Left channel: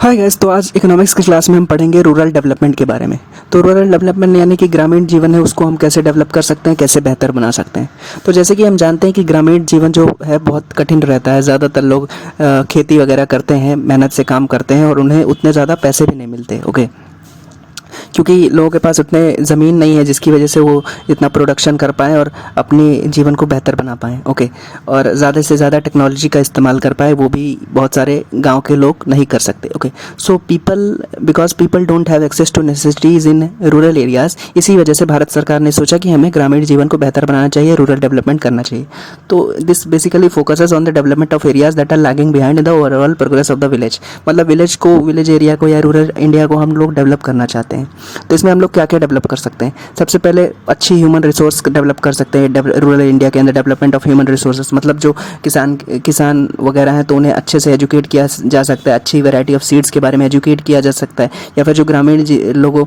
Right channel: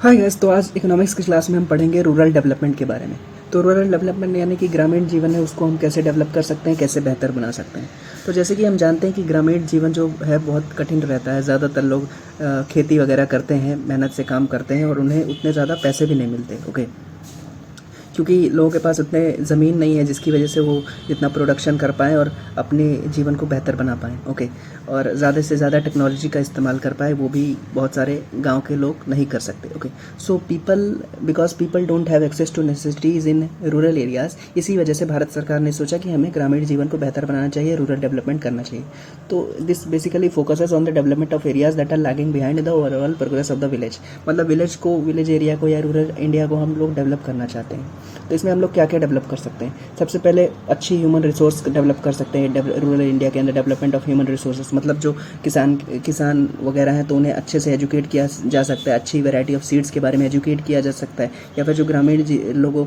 Hi guys, तो आज economics की क्लास में हम पढ़ेंगे रूरल डेवलपमेंट के बारे में। तो रूरल डेवलपमेंट यानी कि ग्रामीण जीवन है, उसको हम कैसे डेवलप कर सकते हैं, कैसे बेहतर बना सकते हैं। तो जैसे कि हम जानते हैं कि ग्रामीण जीवन जो है बहुत कठिन रहता है। ज़्यादातर लोग खेती वगैरह करते हैं, मेहनत से काम करते हैं और उन्हें उतने ज़्यादा पैसे भी नहीं मिलते। ओके, क्योंकि लोगों के पास उतने ज़मीन नहीं है जिसकी वजह से वो इतना प्रोडक्शन कर पाएँ और अपने जीवन को बेहतर बना पाएँ। ओके, और ज़्यादा से ज़्यादा टेक्नोलॉजी का इस्तेमाल कर पाए, वो भी बहुत सारे गांव के लोग नहीं कर सकते। Okay, so because people don't have access to necessities in rural areas, इसी वजह से भारत सरकार ने सोचा कि हमें ग्रामीण जीवन को बेहतर बनाना चाहिए, रूरल डेवलपमेंट करना चाहिए। तो this basically focuses on the development of areas that are lagging behind the overall progress of the village. मतलब विलेज एरिया को या रूरल इंडिया को हम लोग डेवलप करना चाहते हैं। तो इसमें हम लोग क्या क्या डेवलप कर सकते हैं? सबसे पहले अच्छी ह्यूमन रिसोर्स डेवलप कर सकते हैं। रूरल इंडिया के अंदर डेवलपमेंट ऑफ ह्यूमन रिसोर्सेज, मतलब जो किसान वगैरह हैं तो उन्हें अच्छे से एजुकेट किया जा सकता है। अच्छी वैरायटी ऑफ सीड्स के बारे में एजुकेट किया जा सकता है। या फिर जो ग्रामीण लोगों,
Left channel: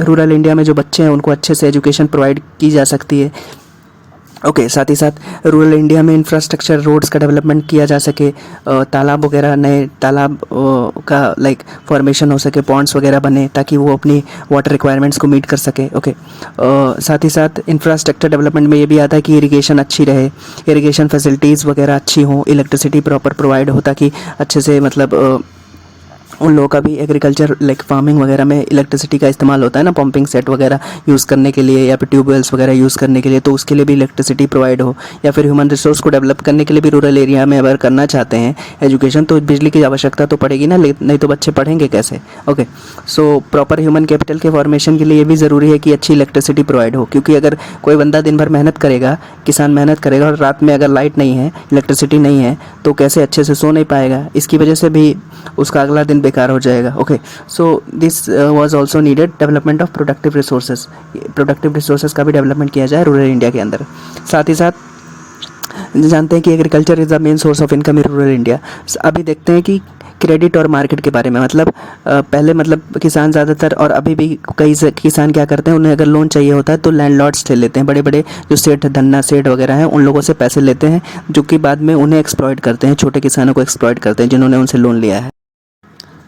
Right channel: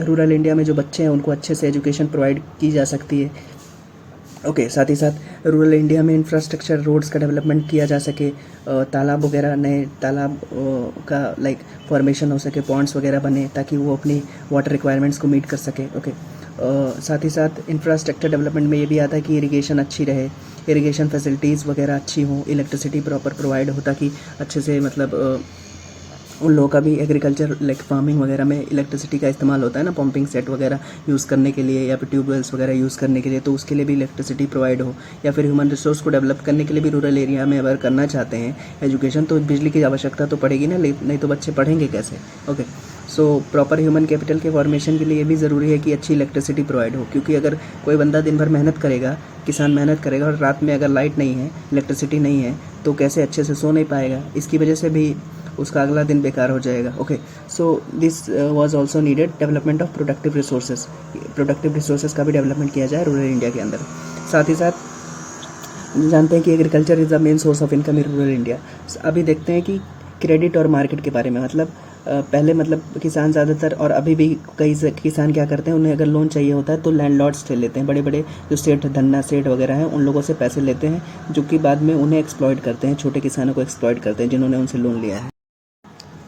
रूरल इंडिया में जो बच्चे हैं उनको अच्छे से एजुकेशन प्रोवाइड की जा सकती है। ओके, साथ ही साथ रूरल इंडिया में इंफ्रास्ट्रक्चर, रोड्स का डेवलपमेंट किया जा सके, तालाब वगैरह, नए तालाब का फॉर्मेशन हो सके, पॉन्ड्स वगैरह बने ताकि वो अपनी वाटर रिक्वायरमेंट्स को मीट कर सके। ओके, साथ ही साथ इंफ्रास्ट्रक्चर डेवलपमेंट में ये भी आता है कि इरिगेशन अच्छी रहे, इरिगेशन फैसिलिटीज़ वगैरह अच्छी हों, इलेक्ट्रिसिटी प्रॉपर प्रोवाइड हो ताकि अच्छे से मतलब उन लोगों का भी एग्रीकल्चर फार्मिंग वगैरह में इलेक्ट्रिसिटी का इस्तेमाल होता है ना, पंपिंग सेट वगैरह यूज़ करने के लिए या फिर ट्यूबवेल्स वगैरह यूज़ करने के लिए, तो उसके लिए भी इलेक्ट्रिसिटी प्रोवाइड हो। या फिर ह्यूमन रिसोर्स को डेवलप करने के लिए भी रूरल एरिया में अगर करना चाहते हैं एजुकेशन, तो बिजली की आवश्यकता तो पड़ेगी ना, नहीं तो बच्चे पढ़ेंगे कैसे। Okay, so proper human capital के फॉर्मेशन के लिए ये भी ज़रूरी है कि अच्छी इलेक्ट्रिसिटी प्रोवाइड हो, क्योंकि अगर कोई बंदा दिन भर मेहनत करेगा, किसान मेहनत करेगा और रात में अगर लाइट नहीं है, इलेक्ट्रिसिटी नहीं है, तो कैसे अच्छे से सो नहीं पाएगा। इसकी वजह से भी उसका अगला दिन बेकार हो जाएगा। Okay, so this was also needed development of productive resources का भी डेवलपमेंट किया जाए रूरल इंडिया के अंदर। साथ ही साथ जानते हैं कि agriculture is the main source of income in rural India. अभी देखते हैं कि क्रेडिट और मार्केट के बारे में, मतलब पहले मतलब किसान ज़्यादातर और अभी भी कई किसान क्या करते हैं, उन्हें अगर लोन चाहिए होता है तो लैंडलॉर्ड्स से लेते हैं। बड़े बड़े जो सेठ, धन्ना सेठ वगैरह हैं, उन लोगों से पैसे लेते हैं, जो कि बाद में उन्हें एक्सप्लॉइट करते हैं, छोटे किसानों को एक्सप्लॉइट करते हैं जिन्होंने उनसे लोन लिया है।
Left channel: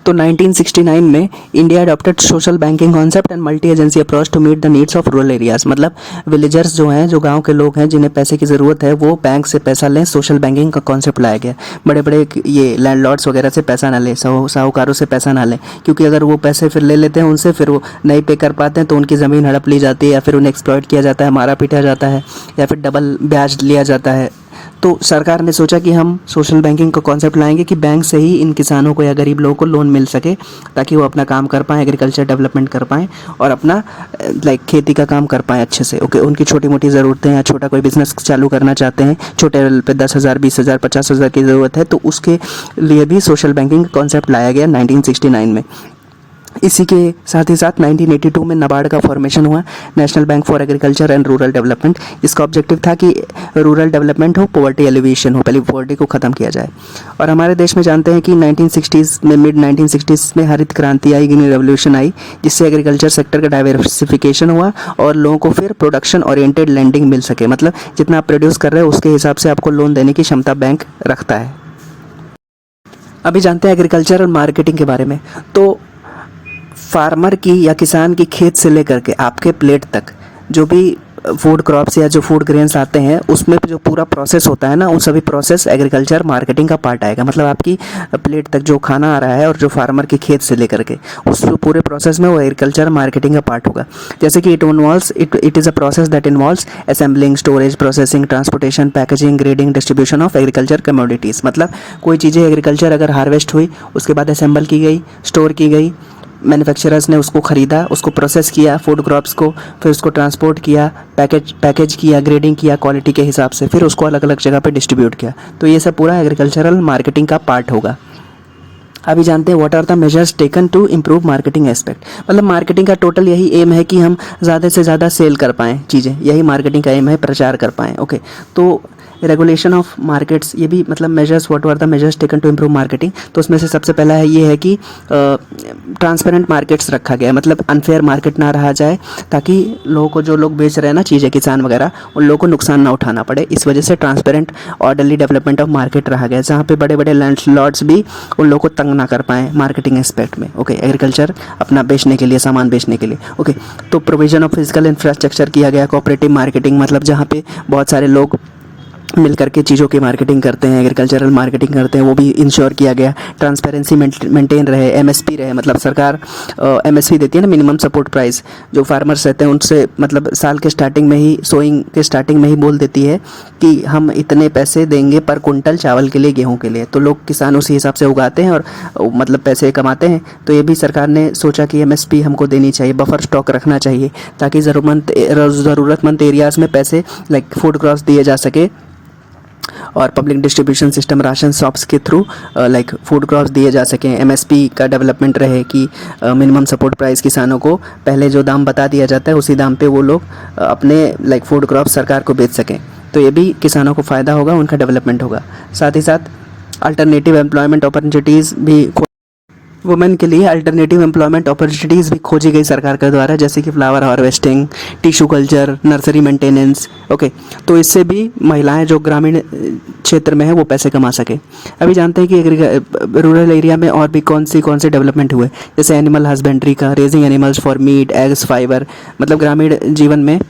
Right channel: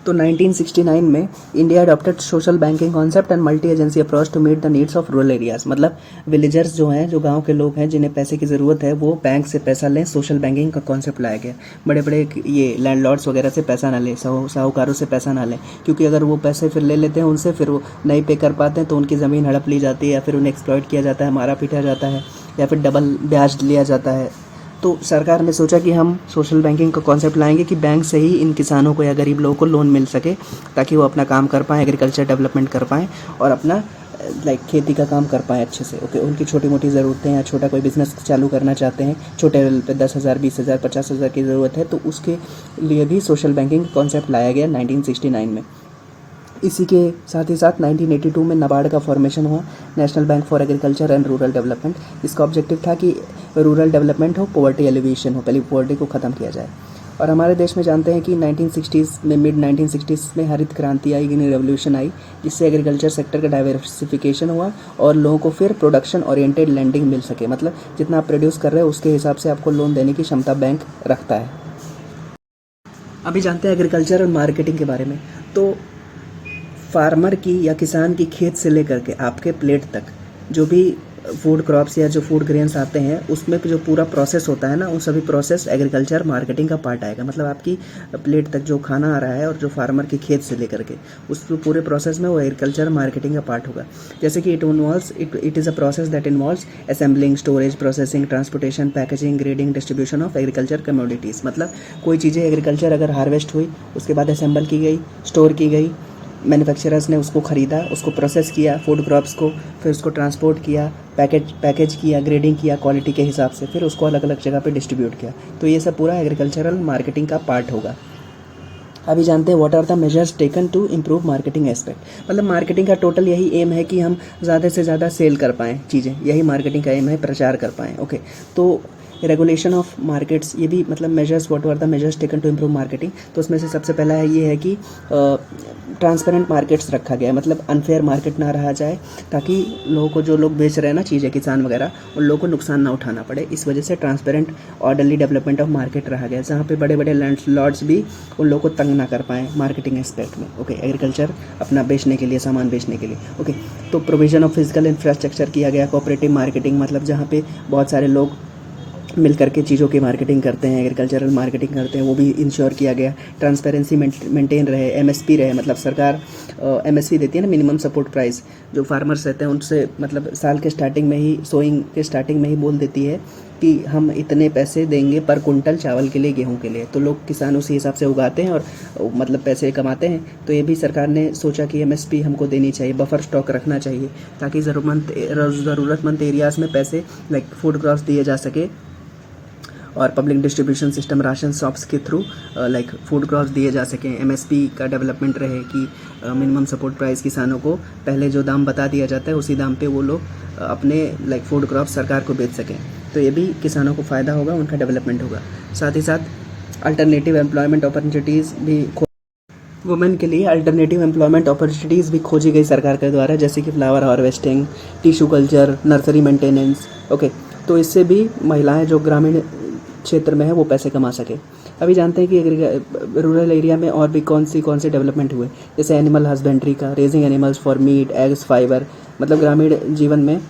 तो 1969 में India adopted social banking concept and multi agency approach to meet the needs of rural areas. मतलब विलेजर्स जो हैं, जो गांव के लोग हैं, जिन्हें पैसे की ज़रूरत है, वो बैंक से पैसा लें। सोशल बैंकिंग का कॉन्सेप्ट लाया गया। बड़े बड़े ये लैंडलॉर्ड्स वगैरह से पैसा ना लें, साहूकारों से पैसा ना लें, क्योंकि अगर वो पैसे फिर ले लेते हैं उनसे, फिर वो नहीं पे कर पाते हैं तो उनकी ज़मीन हड़प ली जाती है, या फिर उन्हें एक्सप्लॉइट किया जाता है, मारा पीटा जाता है, या फिर डबल ब्याज लिया जाता है। तो सरकार ने सोचा कि हम सोशल बैंकिंग का कॉन्सेप्ट लाएंगे कि बैंक से ही इन किसानों को या गरीब लोगों को लोन मिल सके, ताकि वो अपना काम कर पाएँ, एग्रीकल्चर डेवलपमेंट कर पाएँ और अपना खेती का काम कर पाएँ अच्छे से। ओके, उनकी छोटी मोटी ज़रूरतें या छोटा कोई बिजनेस चालू करना चाहते हैं, छोटे लेवल पे 10,000, 20,000, 50,000 की ज़रूरत है, तो उसके लिए भी सोशल बैंकिंग कॉन्सेप्ट लाया गया 1969 में। इसी के साथ ही साथ 1982 में नाबार्ड का फॉर्मेशन हुआ, national bank for agriculture and rural development. इसका ऑब्जेक्टिव था कि रूरल डेवलपमेंट हो, पॉवर्टी एलिवेशन हो, पहले पॉवर्टी को ख़त्म किया जाए। और हमारे देश में जानते हैं कि 1960s में, मिड 1960s में हरित क्रांति आई, ग्रीन रेवोल्यूशन आई, जिससे एग्रीकल्चर सेक्टर का डाइवर्सिफिकेशन हुआ और लोगों को फिर प्रोडक्शन ओरिएंटेड लैंडिंग मिल सके। मतलब जितना आप प्रोड्यूस कर रहे हो उसके हिसाब से आपको लोन देने की क्षमता बैंक रखता है। अभी जानते हैं एग्रीकल्चर और मार्केटिंग के बारे में। तो फार्मर की या किसान की खेत से लेकर के आपके प्लेट तक जो भी फूड क्रॉप्स या जो फूड ग्रेन्स आते हैं, उसमें जो पूरा प्रोसेस होता है ना, उन सभी प्रोसेस एग्रीकल्चर मार्केटिंग का पार्ट आएगा। मतलब आपकी प्लेट तक जो खाना आ रहा है और जो फार्मर की खेत से लेकर के उस पूरे प्रोसेस में वो एग्रीकल्चर मार्केटिंग का पार्ट होगा। जैसे कि it is a process that involves assembling, storage, processing, transportation, packaging, grading, distribution of agriculture commodities. मतलब कोई चीज़ें एग्रीकल्चर अगर हार्वेस्ट हुई, उसके बाद असेंबल की गई, स्टोर की गई, मैन्युफैक्चरर्स ने उसको ख़रीदा, उसको प्रोसेस किया फूड क्रॉप्स को, फिर उसको ट्रांसपोर्ट किया, पैकेज किया, ग्रेडिंग किया क्वालिटी के हिसाब से, फिर उसको अलग अलग जगह पे डिस्ट्रीब्यूट किया। तो ये सब पूरा एग्रीकल्चरल मार्केटिंग का पार्ट होगा। अभी जानते हैं what are the measures taken to improve marketing aspect. मतलब मार्केटिंग का टोटल यही एम है कि हम ज़्यादा से ज़्यादा सेल कर पाएँ चीज़ें, यही मार्केटिंग का एम है, प्रचार कर पाएँ। ओके, तो रेगुलेशन ऑफ मार्केट्स, ये भी मतलब measures, what are the measures taken to improve marketing. तो उसमें से सबसे पहला है ये है कि ट्रांसपेरेंट मार्केट्स रखा गया है, मतलब अनफेयर मार्केट ना रहा जाए, ताकि लोगों को, जो लोग बेच रहे हैं ना चीज़ें, किसान वगैरह, उन लोगों को नुकसान ना उठाना पड़े। इस वजह से transparent orderly development of market रहा गया है, जहाँ पे बड़े बड़े लैंडलॉर्ड्स भी उन लोगों को तंग ना कर पाएँ मार्केटिंग एस्पेक्ट में। ओके, एग्रीकल्चर अपना बेचने के लिए, सामान बेचने के लिए। ओके, तो प्रोविजन ऑफ फिजिकल इंफ्रास्ट्रक्चर किया गया, कोऑपरेटिव मार्केटिंग, मतलब जहाँ पे बहुत सारे लोग मिल करके चीज़ों की मार्केटिंग करते हैं, एग्रीकल्चरल मार्केटिंग करते हैं, वो भी इंश्योर किया गया। ट्रांसपेरेंसी मेंटेन रहे, एमएसपी रहे, मतलब सरकार एमएसपी देती है ना, मिनिमम सपोर्ट प्राइस, जो फार्मर्स रहते हैं उनसे, मतलब साल के स्टार्टिंग में ही, सोइंग के स्टार्टिंग में ही बोल देती है कि हम इतने पैसे देंगे पर कुंटल चावल के लिए, गेहूं के लिए। तो लोग, किसान उसी हिसाब से उगाते हैं और मतलब पैसे कमाते हैं। तो ये भी सरकार ने सोचा कि एमएसपी हमको देनी चाहिए, बफर स्टॉक रखना चाहिए, ताकि ज़रूरतमंद एरियाज़ में पैसे लाइक फूड क्रॉप्स दिए जा सके, और public distribution system, ration shops के थ्रू लाइक फूड क्रॉप्स दिए जा सकें। एमएसपी का डेवलपमेंट रहे कि मिनिमम सपोर्ट प्राइस किसानों को पहले जो दाम बता दिया जाता है उसी दाम पे वो लोग अपने लाइक फूड क्रॉप्स सरकार को बेच सकें। तो ये भी किसानों को फ़ायदा होगा, उनका डेवलपमेंट होगा। साथ ही साथ अल्टरनेटिव एम्प्लॉयमेंट अपॉर्चुनिटीज़ भी, वुमेन के लिए अल्टरनेटिव एम्प्लॉयमेंट अपॉर्चुनिटीज़ भी खोजी गई सरकार के द्वारा, जैसे कि flower harvesting, tissue culture, nursery maintenance. Okay, तो इससे भी महिलाएं जो ग्रामीण क्षेत्र में है वो पैसे कमा सके। अभी जानते हैं कि रूरल एरिया में और भी कौन से डेवलपमेंट हुए, जैसे एनिमल हस्बेंड्री का, raising animals for meet, eggs, fibre. मतलब ग्रामीण जीवन में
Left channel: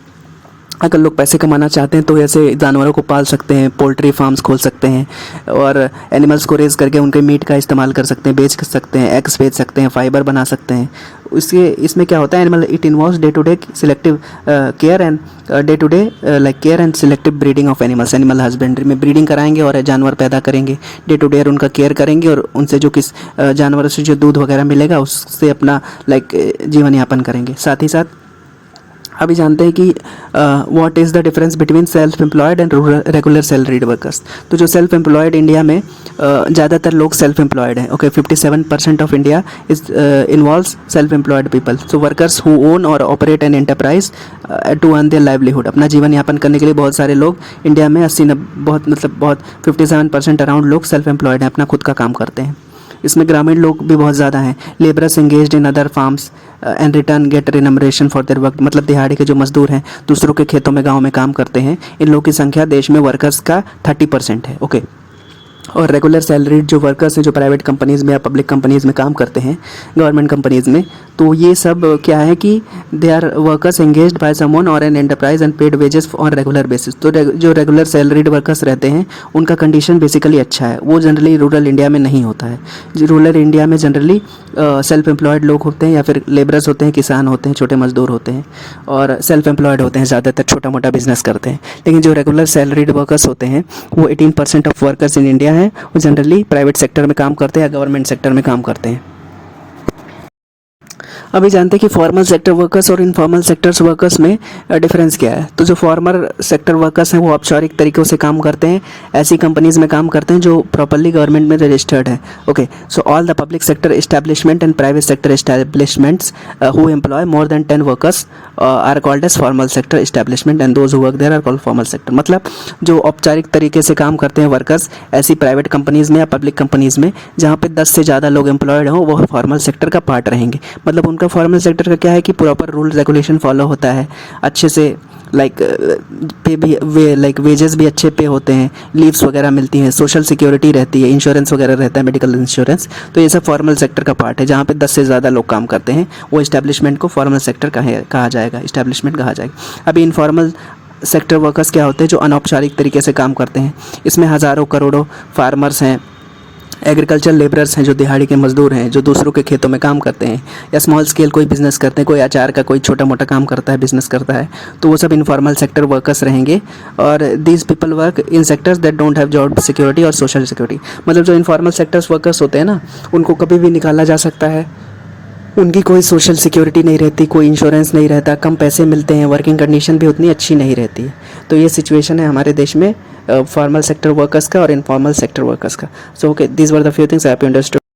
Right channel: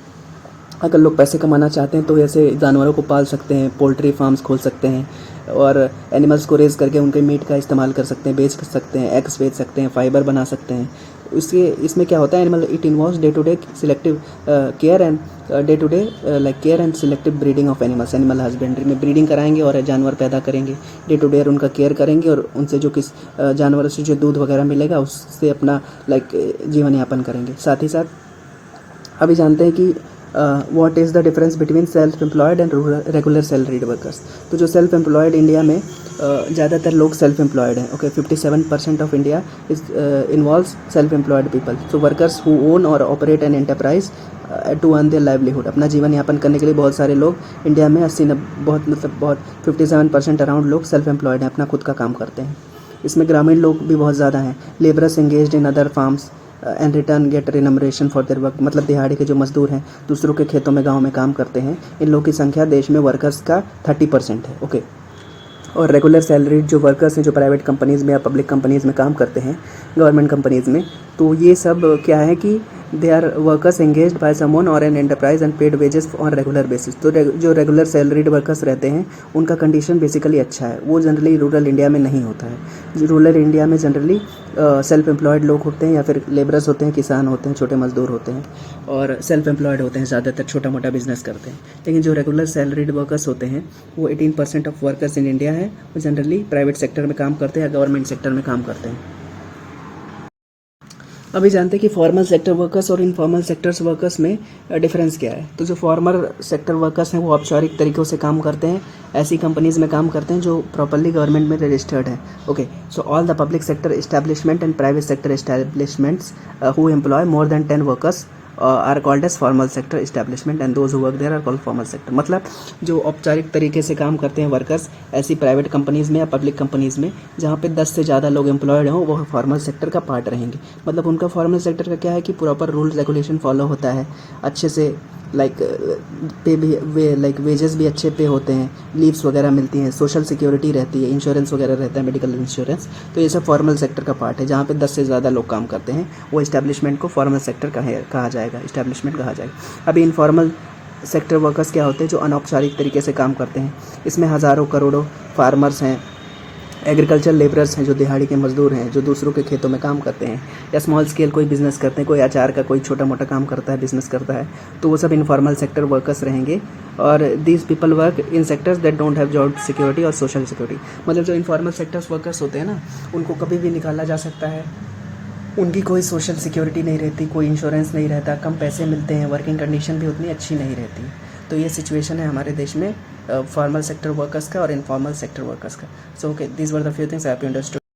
अगर लोग पैसे कमाना चाहते हैं तो ऐसे जानवरों को पाल सकते हैं, पोल्ट्री फार्म्स खोल सकते हैं, और एनिमल्स को रेज करके उनके मीट का इस्तेमाल कर सकते हैं, बेच सकते हैं, एग्स बेच सकते हैं, फाइबर बना सकते हैं। इसमें क्या होता है, animal, it involves day to day selective care and care and selective breeding of animals. Animal husbandry में ब्रीडिंग कराएंगे और जानवर पैदा करेंगे, डे टू डे उनका केयर करेंगे, और उनसे जो जानवरों से जो दूध वगैरह मिलेगा उससे अपना जीवन यापन करेंगे। साथ ही साथ अभी जानते हैं कि what is the difference between self employed and regular salaried workers. तो जो सेल्फ एम्प्लॉयड, इंडिया में ज़्यादातर लोग सेल्फ एम्प्लॉयड हैं। Okay, 57% of India is involves self employed people. So workers who own और operate an enterprise to earn their livelihood. अपना जीवन यापन करने के लिए बहुत सारे लोग इंडिया में 57% अराउंड लोग सेल्फ एम्प्लॉयड हैं, अपना खुद का काम करते हैं। इसमें ग्रामीण लोग भी बहुत ज़्यादा हैं। Labourers engaged in other farms and return get remuneration for their work. मतलब दिहाड़ी के जो मजदूर हैं, दूसरों के खेतों में, गाँव में काम करते हैं, इन लोगों की संख्या देश में वर्कर्स का 30% है। ओके, और रेगुलर सैलरीड जो वर्कर्स हैं, जो प्राइवेट कंपनीज़ में या पब्लिक कंपनीज़ में काम करते हैं, गवर्नमेंट कंपनीज़ में, तो ये सब क्या है कि they are workers engaged by someone और an enterprise and paid wages on regular basis. तो जो रेगुलर सैलरीड वर्कर्स रहते हैं उनका कंडीशन बेसिकली अच्छा है, वो जनरली रूरल इंडिया में नहीं होता है। रूरल इंडिया में जनरली सेल्फ एम्प्लॉयड लोग होते हैं, या फिर लेबरर्स होते हैं, किसान होते हैं, छोटे मजदूर होते हैं, और सेल्फ एम्प्लॉयड होते हैं, ज़्यादातर छोटा मोटा बिजनेस करते हैं। लेकिन जो रेगुलर सैलरीड वर्कर्स होते हैं वो 18% ऑफ वर्कर्स इन इंडिया हैं, वो जनरली प्राइवेट सेक्टर में काम करते हैं या गवर्नमेंट सेक्टर में काम करते हैं। अभी जानते हैं कि फॉर्मल सेक्टर वर्कर्स और इनफॉर्मल सेक्टर्स वर्कर्स में डिफरेंस क्या है। तो जो फॉर्मल सेक्टर वर्कर्स हैं वो औपचारिक तरीक़ों से काम करते हैं, ऐसी कंपनीज में काम करते हैं जो प्रॉपर्ली गवर्नमेंट में रजिस्टर्ड है। Okay, so all the public sector establishment and private sector establishments who employ more than 10 workers are called as formal sector establishment and those who work there are called formal sector. मतलब जो औपचारिक तरीके से काम करते हैं workers ऐसी private companies में या पब्लिक कंपनीज़ में जहाँ पे 10 से ज़्यादा लोग एम्प्लॉयड हों, वो फॉर्मल सेक्टर का पार्ट रहेंगे। मतलब उनका फॉर्मल सेक्टर का क्या है कि प्रॉपर रूल रेगुलेशन फॉलो होता है, अच्छे से पे भी वेजेस भी अच्छे पे होते हैं, लीव्स वगैरह मिलती हैं, सोशल सिक्योरिटी रहती है, इंश्योरेंस वगैरह रहता है, मेडिकल इंश्योरेंस। तो ये सब फॉर्मल सेक्टर का पार्ट है, जहाँ पे 10 से ज़्यादा लोग काम करते हैं, वो इस्टेब्लिशमेंट को फॉर्मल सेक्टर कहा जाएगा, इस्टेब्लिशमेंट कहा जाएगा। अभी इनफॉर्मल सेक्टर वर्कर्स क्या होते हैं, जो अनौपचारिक तरीके से काम करते हैं। इसमें हज़ारों करोड़ों फार्मर्स हैं, एग्रीकल्चर लेबरर्स हैं, जो दिहाड़ी के मजदूर हैं, जो दूसरों के खेतों में काम करते हैं, या स्मॉल स्केल कोई बिज़नेस करते हैं, कोई अचार का कोई छोटा मोटा काम करता है, बिज़नेस करता है, तो वो सब इनफॉर्मल सेक्टर वर्कर्स रहेंगे। और these people work in sectors that don't have job security और सोशल सिक्योरिटी। मतलब जो इनफॉर्मल सेक्टर्स वर्कर्स होते हैं ना, उनको कभी भी निकाला जा सकता है, उनकी कोई सोशल सिक्योरिटी नहीं रहती, कोई इंश्योरेंस नहीं रहता, कम पैसे मिलते हैं, वर्किंग कंडीशन भी उतनी अच्छी नहीं रहती। तो ये सिचुएशन है हमारे देश में फॉर्मल सेक्टर वर्कर्स का और इनफॉर्मल सेक्टर वर्कर्स का। So okay, these were the few things I have understood.